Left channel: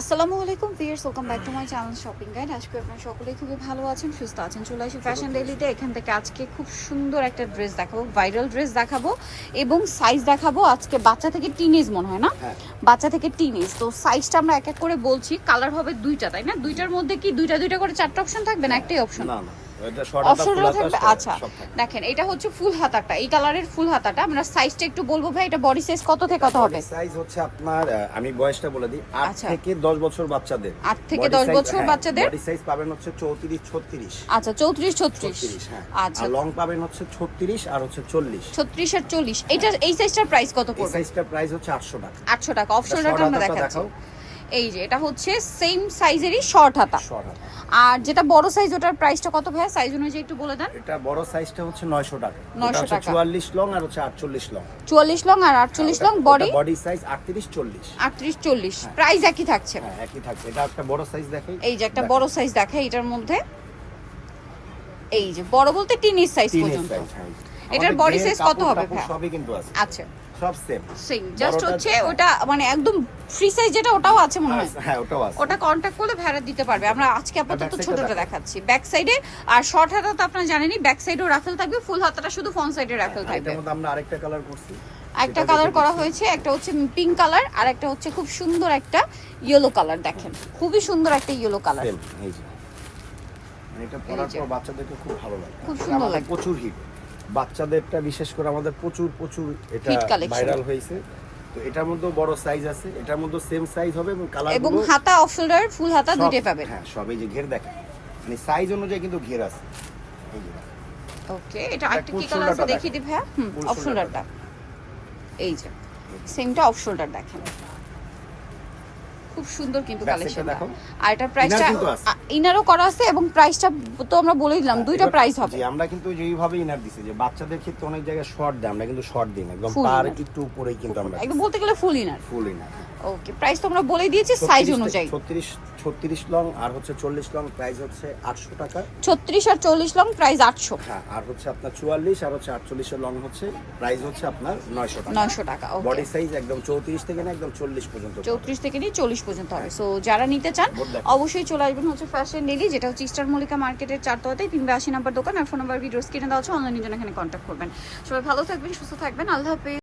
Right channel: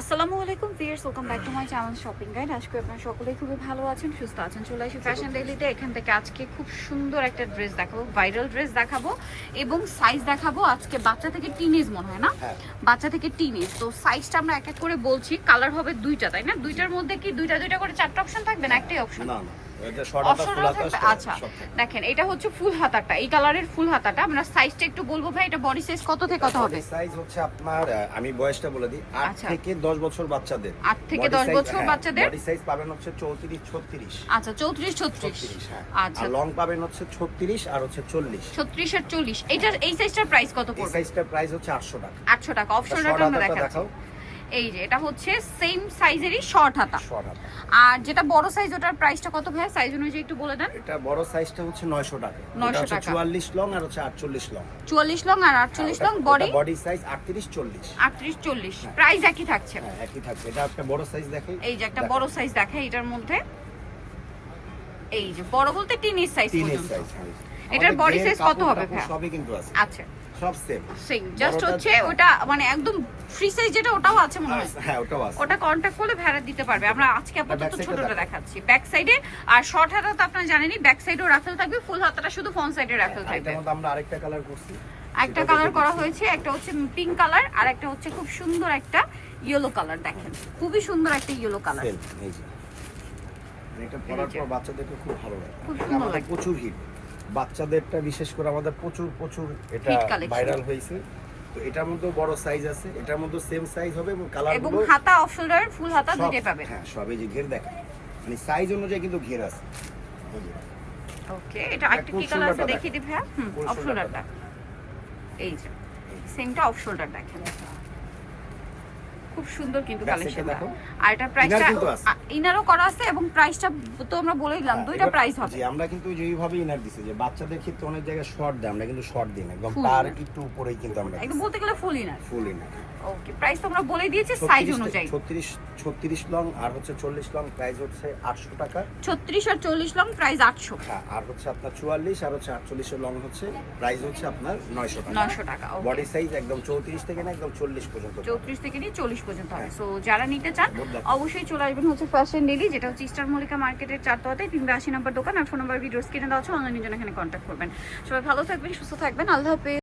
আসসালামু আলাইকুম viewers welcome back to my channel shopping guide আজকে আপনারা সকলেই খুবই ভালো আছেন সুস্থ আছেন। চলে আসি ফ্যাশন ডেলিতে এখান থেকে আজকে খুব সুন্দর একটা ড্রেস দেখাবো ভাইরাল ড্রেস দেখাবো এবং সাইজ দেখাবো। আজকে বাচ্চা থেকে টিনেজ মনে হয় না? বাচ্চা থেকে টিনেজ তো সাইজটা আমরা এক এক করে বলছি। কালার হবে দুইটা তাই না? দুইটার মধ্যে কি দুইটা দুইটা করে চারটা অপশন থাকবে না একটাই অপশন না। এটা আচ্ছা দেখেন এটা হচ্ছে ফুল হাতাটা এই কালারের ফুল হাতাটা। আমরা সাইজটা একটু বলব ভাই এটা বডি সাইজ কত থেকে কত হবে? সাইজ হচ্ছে আপনার আমি বয়সটা বলে দিই আট আচ্ছা। থেকে দশ বছর বাচ্চাদের। আট থেকে দশ বছর বাচ্চাদের? বডি সাইজ পাবেন হচ্ছে চৌত্রিশ ছত্রিশ। আচ্ছা চৌত্রিশ ছত্রিশ। ছত্রিশ হ্যাঁ। আচ্ছা। লং পাবেন হচ্ছে ছত্রিশ আর হচ্ছে চল্লিশ। ছত্রিশ আর চল্লিশ। এইটার এই সাইজটার প্রাইস কত পড়বে? সাইজটার প্রাইস হচ্ছে আটশো টাকা। আটশো টাকা। অপশনটা আমরা দেখাচ্ছি। এই যে এটা হচ্ছে সেম সাইজেরই শর্ট হাতা। আর যেটা বড় সাইজ ওটার প্রাইসটা কত ভাই সাইজ অনুযায়ী একটু বলে দেন। এটা বড় সাইজটা হচ্ছে নয়শো টাকা। 900 টাকা। চুয়াল্লিশ লং আর হচ্ছে আটচল্লিশ লং চুয়াল্লিশ লং আর আটচল্লিশ লং বডি বডি সাইজ আটত্রিশ চল্লিশ। আটত্রিশ চল্লিশ। প্রাইস একই থাকছে। হ্যাঁ একই থাকছে। এটা একটা বড় সাইজ দেখে এই যে একটা বড় সাইজ দেখে এটার মধ্যে। এই যে বড় বলতে টিনিস সাইজ পর্যন্ত। হ্যাঁ। এটার ঘের, size কত হবে টাপড় সবই কিন্তু আছে। আচ্ছা। সব সেম সেম জাস্ট হচ্ছে ওটা মানে একদম ফ্রি সাইজ যেটা ওটাও আছে মনে হয়? হ্যাঁ ওটাও আছে। ওটা কন্ট্যাক্ট করলে ভেড়া দিতে পারবে। আমরা আজকে আপাতত ছোটটা দেখাচ্ছি। ব্যাক সাইডে আর শর্ট হাতা তো আপনারা জানেনই ব্যাক সাইডেও রাফেল থাকবে ফুল হাতাটা শুধু ফ্রন্ট সাইডে রাফেল থাকবে। এটার মধ্যে আমরা আরেকটা কালার করছি। একটা কালার করা হয়েছে একটা হচ্ছে পিঙ্ক কালার আর একটা হচ্ছে খুব সুন্দর একটা ইয়েলো কালার দেখেন। খুবই সুন্দর একটা ইয়েলো কালার। মানে এটা পরার পর বাচ্চাদেরকে খুব ভালো লাগে। খুব সুন্দর লাগে। প্রচুর হিট বাচ্চাদেরটা বিশেষ করে আমাদের প্রচুর প্রচুর এটা ভাইরাল হয়েছে। তো এটার মধ্যেও বড় সাইজ আছে এটার মধ্যে সেম সাইজ হবে এবং কালার এবং হাতা অফ শোল্ডার ফুল হাতা দুইটাই পাবে হ্যাঁ সব এই যে ঘের দেখেন। মানে সাইজ অনুযায়ী কিন্তু ঘের আছে। এই যে। ওকে এটা আরেকটা কি কালার আছে দেখিয়ে দিই হুম Full অফ শোল্ডারটা এই যে সেমটা অফ শোল্ডার দেখেন। খুব সুন্দর কিন্তু কালেকশনটা দেখো। আর এটা প্রাইসটা। ইনারও করা আছে এবং প্রাইসটা তো আমরা বলেই দিলাম দুইটা প্রাইস হবে আমরা কিন্তু যেইভাবে ইনার দিছি যে বাচ্চাদের ক্ষেত্রে অনেক জায়গায় শর্ট দেয় আমরা কিন্তু শর্ট দিই না একদম তার। একটু উপরেই কিন্তু আমরা একদম বলতে গেলে full inner full inner okay price তো আমরা বলে দিয়েছি সাইজ অনুযায়ী। ছত্রিশ ছত্রিশ লং আর হচ্ছে চল্লিশ লং প্রাইস হচ্ছে আটশো টাকা। ছত্রিশ আর চল্লিশ লং প্রাইস আটশো। হ্যাঁ আর হচ্ছে আপনার চুয়াল্লিশ আর হচ্ছে আটচল্লিশের লং হচ্ছে প্রাইস হচ্ছে আপনার নয়শো টাকা। নয়শো টাকা ওকে বডি সাইজ একদম চৌত্রিশ থেকে না একদম চল্লিশ পর্যন্ত চৌত্রিশ থেকে নিয়ে চল্লিশ পর্যন্ত হবে। সো যারা নিতে চান অবশ্যই চলে আসবেন হচ্ছে ফ্যাশন ডেলি যেটা হচ্ছে ইস্টার মল্লিকা মার্কেটের চারতলাতে তিনশো আশি নাম্বার দোকান আর ফোন নাম্বার ভিডিও স্ক্রিনে দেওয়া আছে অনলাইনের জন্য এখানে কন্ট্যাক্ট করবেন। সবাই ভালো থাকবেন সুস্থ থাকবেন আল্লাহ হাফেজ।